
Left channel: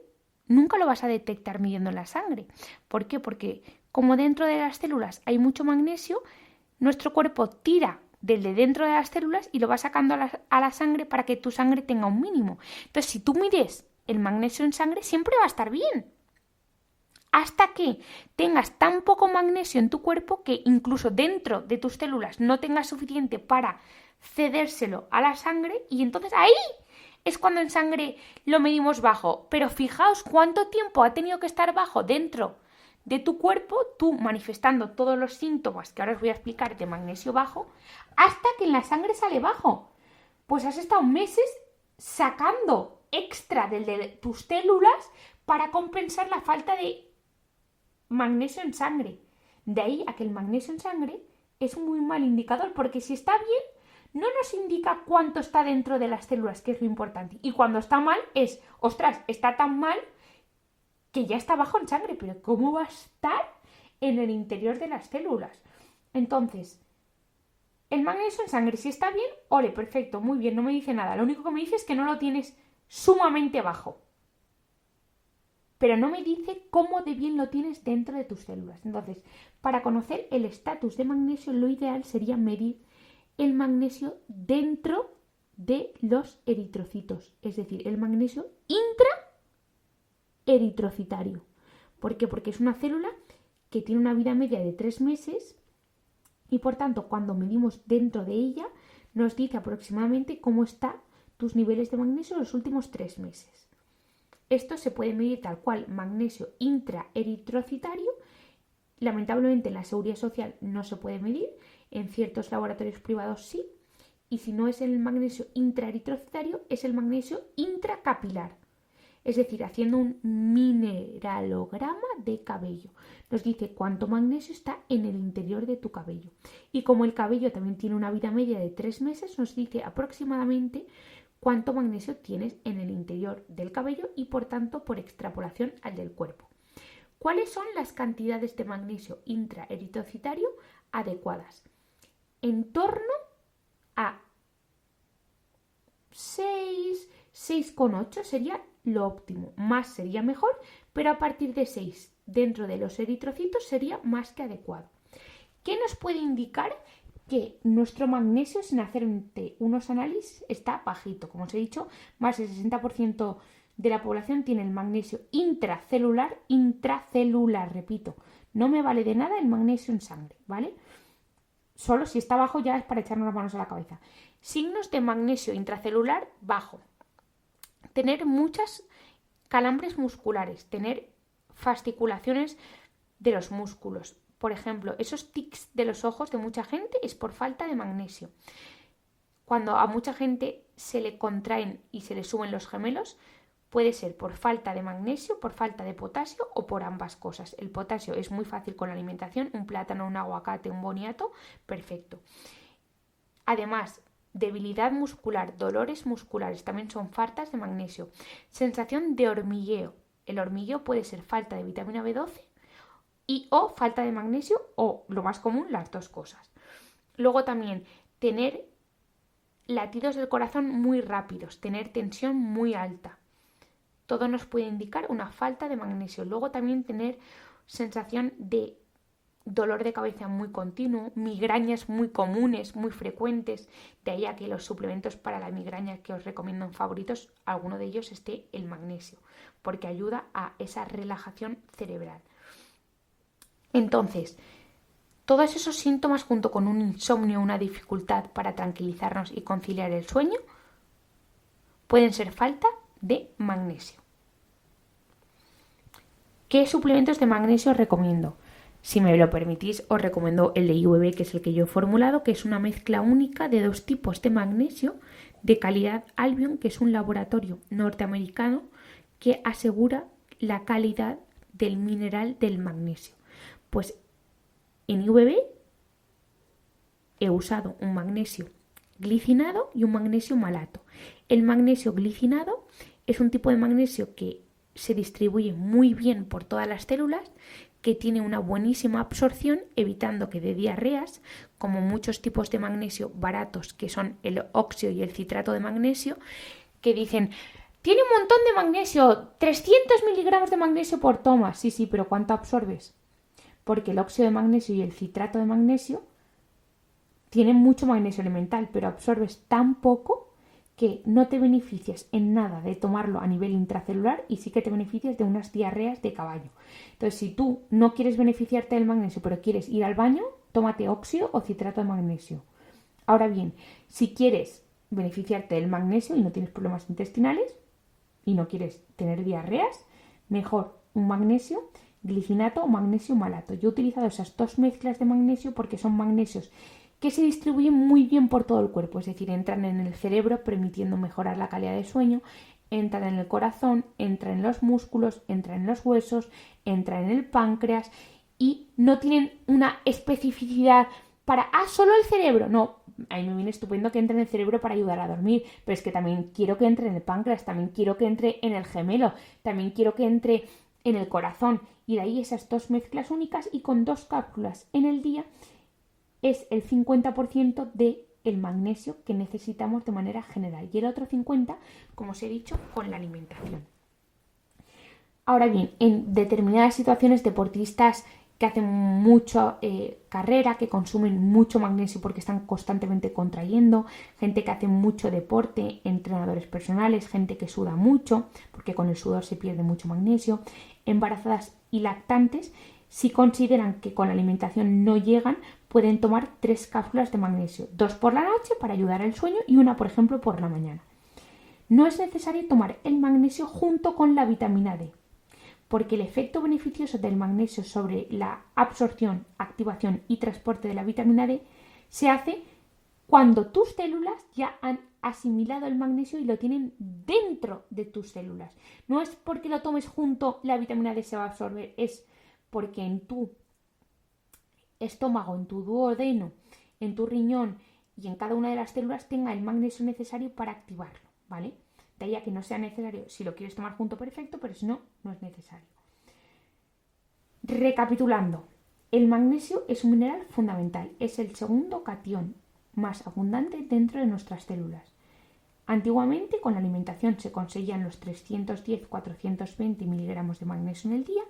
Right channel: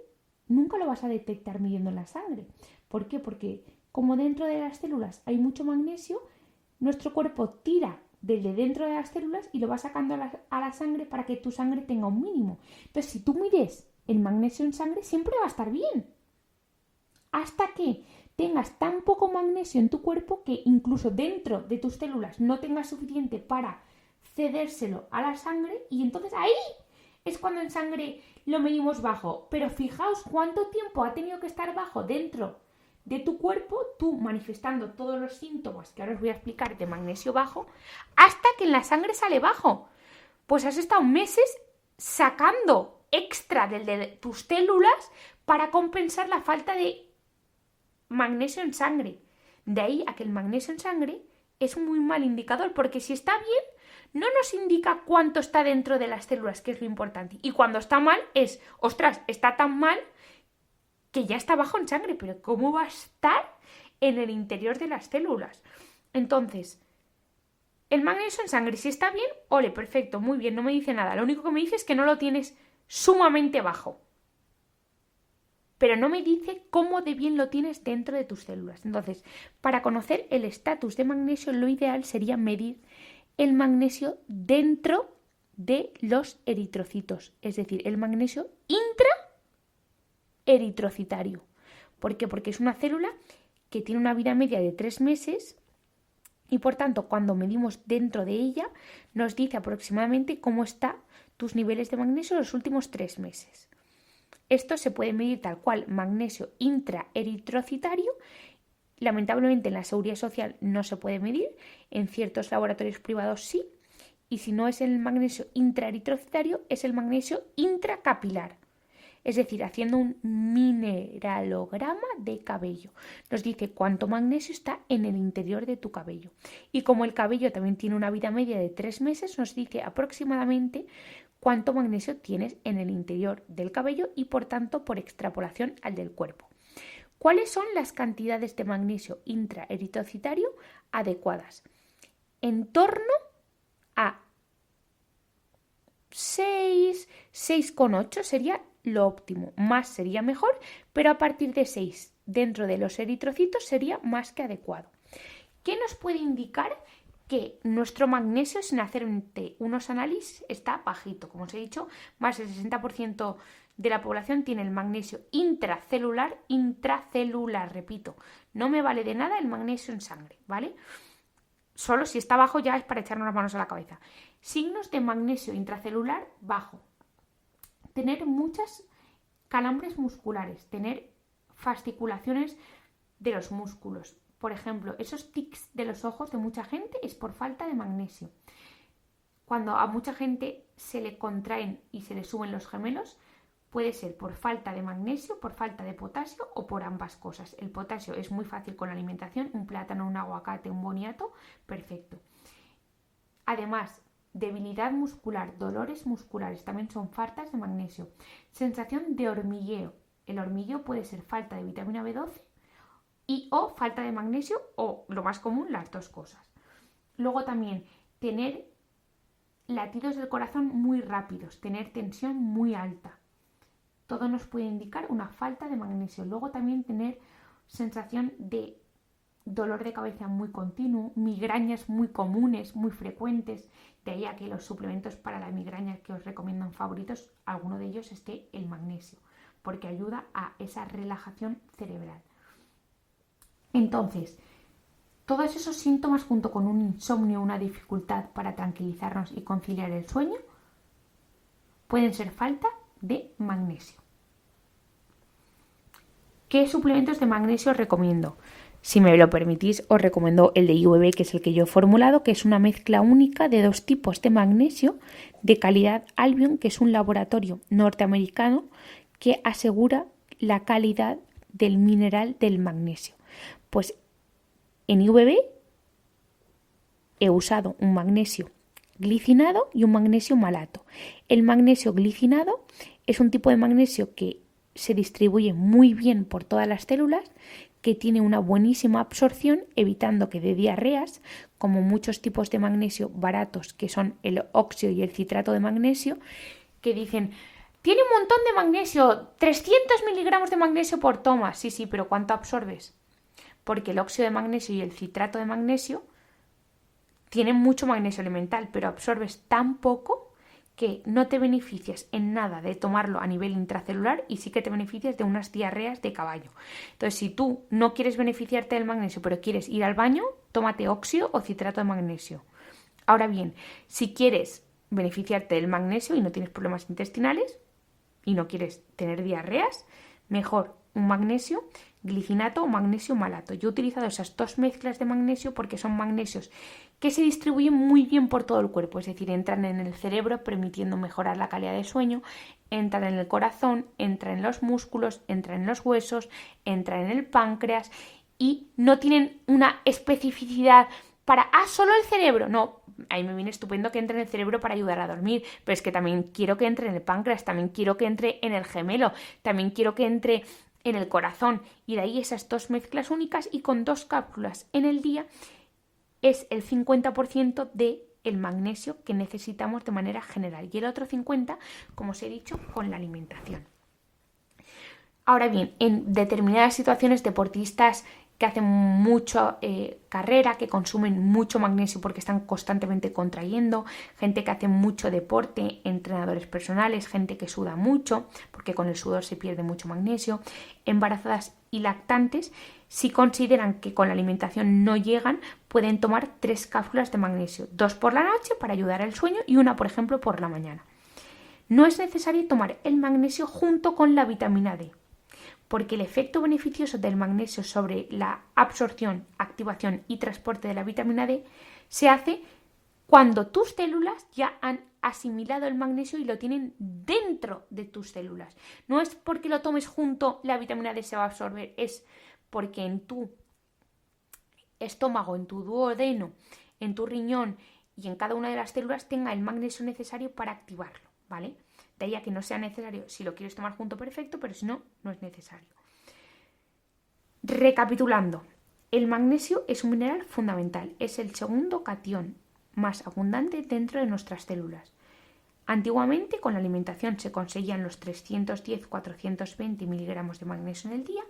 nunca lo vas a detectar midiendo en la sangre. ¿Por qué? Porque como dentro de las células hay mucho magnesio, nuestro cuerpo tira del de dentro de las células y lo va sacando a la sangre para que tu sangre tenga un mínimo. Entonces, si tú mides el magnesio en sangre, siempre va a estar bien. Hasta que tengas tan poco magnesio en tu cuerpo que incluso dentro de tus células no tengas suficiente para cedérselo a la sangre, y entonces ahí es cuando en sangre lo medimos bajo. Pero fijaos cuánto tiempo ha tenido que estar bajo dentro de tu cuerpo, tú manifestando todos los síntomas que ahora os voy a explicar de magnesio bajo, hasta que en la sangre sale bajo. Pues has estado meses sacando extra de tus células para compensar la falta de magnesio en sangre. De ahí a que el magnesio en sangre es muy mal indicador, porque si está bien, no nos indica cuánto está dentro de las células, que es lo importante. Y cuando está mal es, ostras, está tan mal que ya está bajo en sangre, pero ¿cómo va a estar en el interior de las células? Entonces, el magnesio en sangre, si está bien, ole, perfecto, muy bien, no me dice nada. Lo único que me dice es que no lo tienes sumamente bajo. Pero no me dice cómo de bien lo tienes dentro de tus células. Entonces, para conocer el estatus de magnesio, lo ideal sería medir el magnesio dentro de los eritrocitos, es decir, el magnesio intraeritrocitario. ¿Por qué? Porque es una célula que tiene una vida media de 3 meses y por tanto cuando medimos dentro de ella nos dice aproximadamente cómo están tus niveles de magnesio en los últimos 3 meses. Esto se puede medir tal cual, magnesio intraeritrocitario. Lamentablemente en la Seguridad Social no se puede medir, en ciertos laboratorios privados sí, y si no es el magnesio intraeritrocitario, es el magnesio intracapilar, es decir, haciendo un mineralograma de cabello. Nos dice cuánto magnesio está en el interior de tu cabello. Y como el cabello también tiene una vida media de 3 meses, nos dice aproximadamente cuánto magnesio tienes en el interior del cabello y por tanto por extrapolación al del cuerpo. ¿Cuáles son las cantidades de magnesio intraeritrocitario adecuadas? En torno a 6, 6,8 sería lo óptimo. Más sería mejor, pero a partir de 6 dentro de los eritrocitos sería más que adecuado. ¿Qué nos puede indicar que nuestro magnesio, sin hacer unos análisis, está bajito? Como os he dicho, más del 60% de la población tiene el magnesio intracelular, repito, no me vale de nada el magnesio en sangre, ¿vale? Solo si está bajo ya es para echarnos las manos a la cabeza. Signos de magnesio intracelular bajo. Tener muchas calambres musculares, tener fasciculaciones de los músculos. Por ejemplo, esos tics de los ojos de mucha gente es por falta de magnesio. Cuando a mucha gente se le contraen y se le suben los gemelos, puede ser por falta de magnesio, por falta de potasio o por ambas cosas. El potasio es muy fácil con la alimentación, un plátano, un aguacate, un boniato, perfecto. Además, debilidad muscular, dolores musculares también son faltas de magnesio. Sensación de hormigueo. El hormigueo puede ser falta de vitamina B12 o falta de magnesio o, lo más común, las dos cosas. Luego también tener latidos del corazón muy rápidos, tener tensión muy alta. Todo nos puede indicar una falta de magnesio. Luego también tener sensación de dolor de cabeza muy continuo, migrañas muy comunes, muy frecuentes. De ahí a que los suplementos para la migraña que os recomiendo en favoritos, alguno de ellos esté el magnesio, porque ayuda a esa relajación cerebral. Entonces, todos esos síntomas junto con un insomnio, una dificultad para tranquilizarnos y conciliar el sueño, pueden ser falta de magnesio. ¿Qué suplementos de magnesio os recomiendo? Si me lo permitís, os recomiendo el de IVB, que es el que yo he formulado, que es una mezcla única de 2 tipos de magnesio de calidad Albion, que es un laboratorio norteamericano que asegura la calidad del mineral del magnesio. Pues en IVB he usado un magnesio glicinado y un magnesio malato. El magnesio glicinado es un tipo de magnesio que se distribuye muy bien por todas las células, que tiene una buenísima absorción, evitando que dé diarreas, como muchos tipos de magnesio baratos, que son el óxido y el citrato de magnesio, que dicen, tiene un montón de magnesio, 300 miligramos de magnesio por toma. Sí, sí, pero ¿cuánto absorbes? Porque el óxido de magnesio y el citrato de magnesio tienen mucho magnesio elemental, pero absorbes tan poco que no te beneficias en nada de tomarlo a nivel intracelular y sí que te beneficias de unas diarreas de caballo. Entonces, si tú no quieres beneficiarte del magnesio, pero quieres ir al baño, tómate óxido o citrato de magnesio. Ahora bien, si quieres beneficiarte del magnesio y no tienes problemas intestinales y no quieres tener diarreas, mejor un magnesio glicinato o magnesio malato. Yo he utilizado esas dos mezclas de magnesio porque son magnesios que se distribuyen muy bien por todo el cuerpo, es decir, entran en el cerebro permitiendo mejorar la calidad de sueño, entran en el corazón, entran en los músculos, entran en los huesos, entran en el páncreas y no tienen una especificidad para, solo el cerebro. No, a mí me viene estupendo que entre en el cerebro para ayudar a dormir, pero es que también quiero que entre en el páncreas, también quiero que entre en el gemelo, también quiero que entre en el corazón, y de ahí esas dos mezclas únicas, y con 2 cápsulas en el día es el 50% del magnesio que necesitamos de manera general y el otro 50%, como os he dicho, con la alimentación. Ahora bien, en determinadas situaciones, deportistas que hacen mucha carrera, que consumen mucho magnesio porque están constantemente contrayendo, gente que hace mucho deporte, entrenadores personales, gente que suda mucho porque con el sudor se pierde mucho magnesio, embarazadas y lactantes, si consideran que con la alimentación no llegan, pueden tomar 3 cápsulas de magnesio, 2 por la noche para ayudar al sueño y una, por ejemplo, por la mañana. No es necesario tomar el magnesio junto con la vitamina D, porque el efecto beneficioso del magnesio sobre la absorción, activación y transporte de la vitamina D se hace cuando tus células ya han asimilado el magnesio y lo tienen dentro de tus células. No es porque lo tomes junto, la vitamina D se va a absorber, es porque en tu estómago, en tu duodeno, en tu riñón y en cada una de las células tenga el magnesio necesario para activarlo, ¿vale? De ahí a que no sea necesario, si lo quieres tomar junto, perfecto, pero si no, no es necesario. Recapitulando, el magnesio es un mineral fundamental, es el segundo catión más abundante dentro de nuestras células. Antiguamente, con la alimentación se conseguían los 310-420 miligramos de magnesio en el día,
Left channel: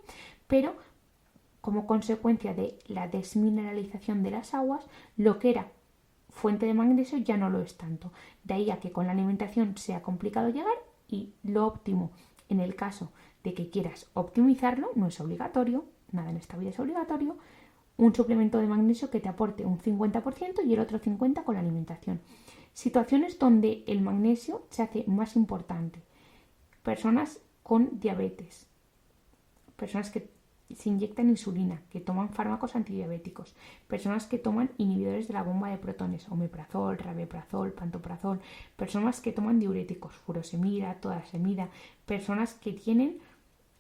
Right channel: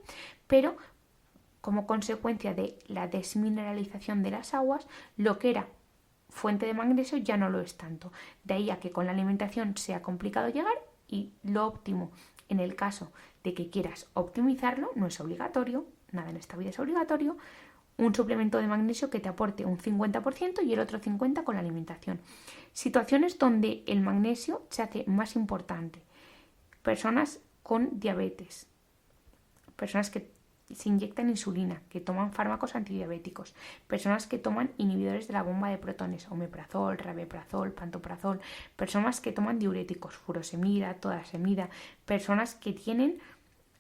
pero como consecuencia de la desmineralización de las aguas, lo que era fuente de magnesio ya no lo es tanto. De ahí a que con la alimentación sea complicado llegar, y lo óptimo en el caso de que quieras optimizarlo, no es obligatorio, nada en esta vida es obligatorio, un suplemento de magnesio que te aporte un 50% y el otro 50% con la alimentación. Situaciones donde el magnesio se hace más importante. Personas con diabetes, personas que se inyectan insulina, que toman fármacos antidiabéticos, personas que toman inhibidores de la bomba de protones, omeprazol, rabeprazol, pantoprazol, personas que toman diuréticos, furosemida, todasemida, personas que tienen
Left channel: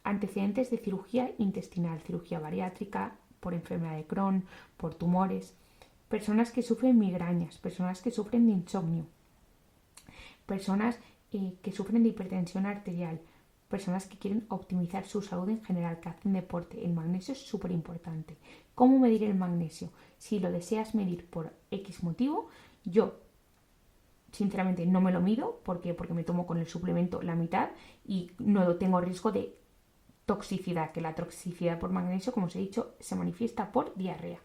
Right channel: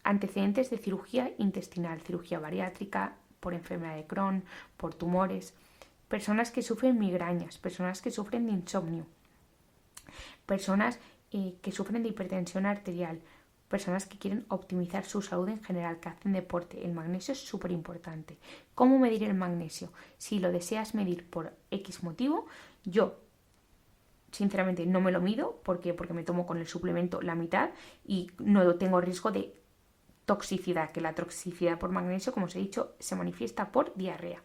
antecedentes de cirugía intestinal, cirugía bariátrica, por enfermedad de Crohn, por tumores, personas que sufren migrañas, personas que sufren de insomnio, personas que sufren de hipertensión arterial, personas que quieren optimizar su salud en general, que hacen deporte. El magnesio es súper importante. ¿Cómo medir el magnesio? Si lo deseas medir por X motivo, yo sinceramente no me lo mido porque me tomo con el suplemento la mitad y no tengo riesgo de toxicidad, que la toxicidad por magnesio, como os he dicho, se manifiesta por diarrea.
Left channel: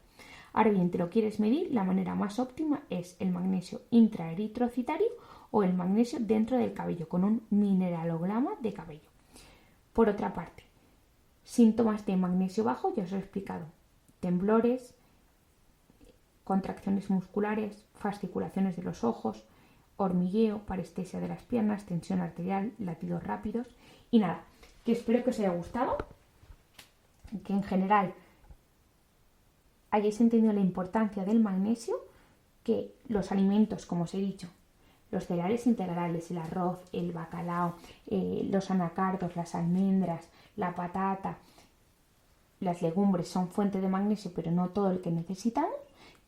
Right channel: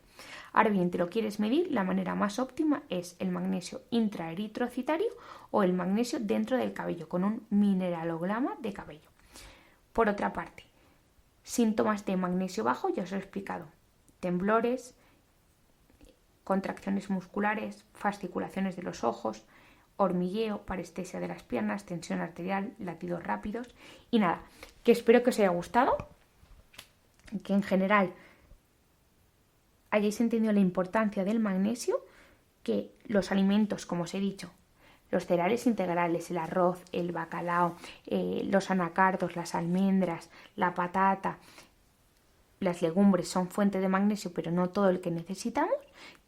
Ahora bien, te lo quieres medir, la manera más óptima es el magnesio intraeritrocitario o el magnesio dentro del cabello, con un mineralograma de cabello. Por otra parte, síntomas de magnesio bajo, ya os lo he explicado: temblores, contracciones musculares, fasciculaciones de los ojos, hormigueo, parestesia de las piernas, tensión arterial, latidos rápidos. Y nada, que espero que os haya gustado, que en general hayáis entendido la importancia del magnesio, que los alimentos, como os he dicho, los cereales integrales, el arroz, el bacalao, los anacardos, las almendras, la patata, las legumbres son fuente de magnesio, pero no todo el que necesitamos,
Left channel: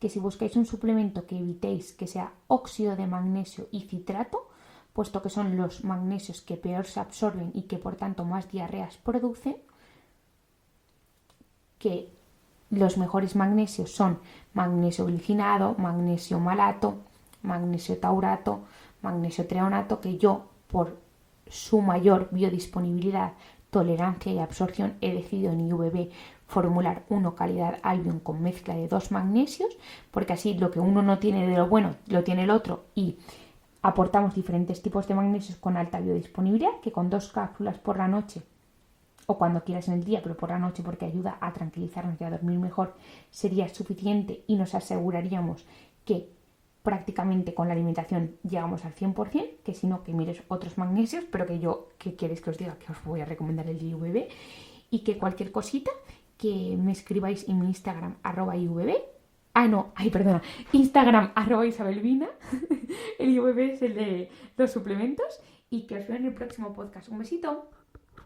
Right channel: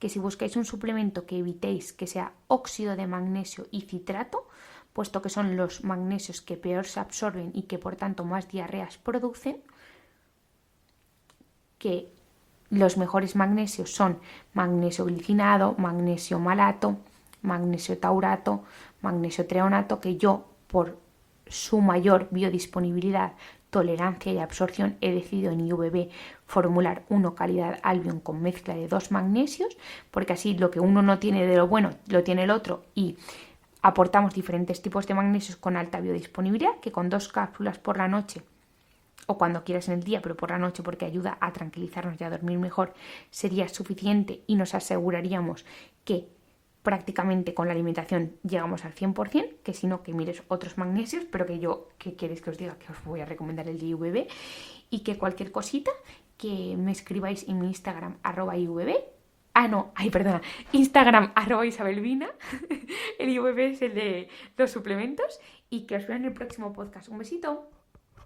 que si buscáis un suplemento que evitéis que sea óxido de magnesio y citrato, puesto que son los magnesios que peor se absorben y que por tanto más diarreas producen, que los mejores magnesios son magnesio glicinado, magnesio malato, magnesio taurato, magnesio treonato, que yo por su mayor biodisponibilidad, tolerancia y absorción he decidido en IVB formular uno calidad Albion con mezcla de 2 magnesios, porque así lo que uno no tiene de lo bueno lo tiene el otro y aportamos diferentes tipos de magnesios con alta biodisponibilidad, que con 2 cápsulas por la noche o cuando quieras en el día, pero por la noche porque ayuda a tranquilizarnos y a dormir mejor, sería suficiente y nos aseguraríamos que prácticamente con la alimentación llegamos al 100%, que si no, que mires otros magnesios, pero ¿qué queréis que os diga? Que os voy a recomendar el de IVB y que cualquier cosita que me escribáis en mi Instagram @IVB. Instagram @Isabelvina. El IVB es el de los suplementos y que os veo en el próximo podcast. Un besito.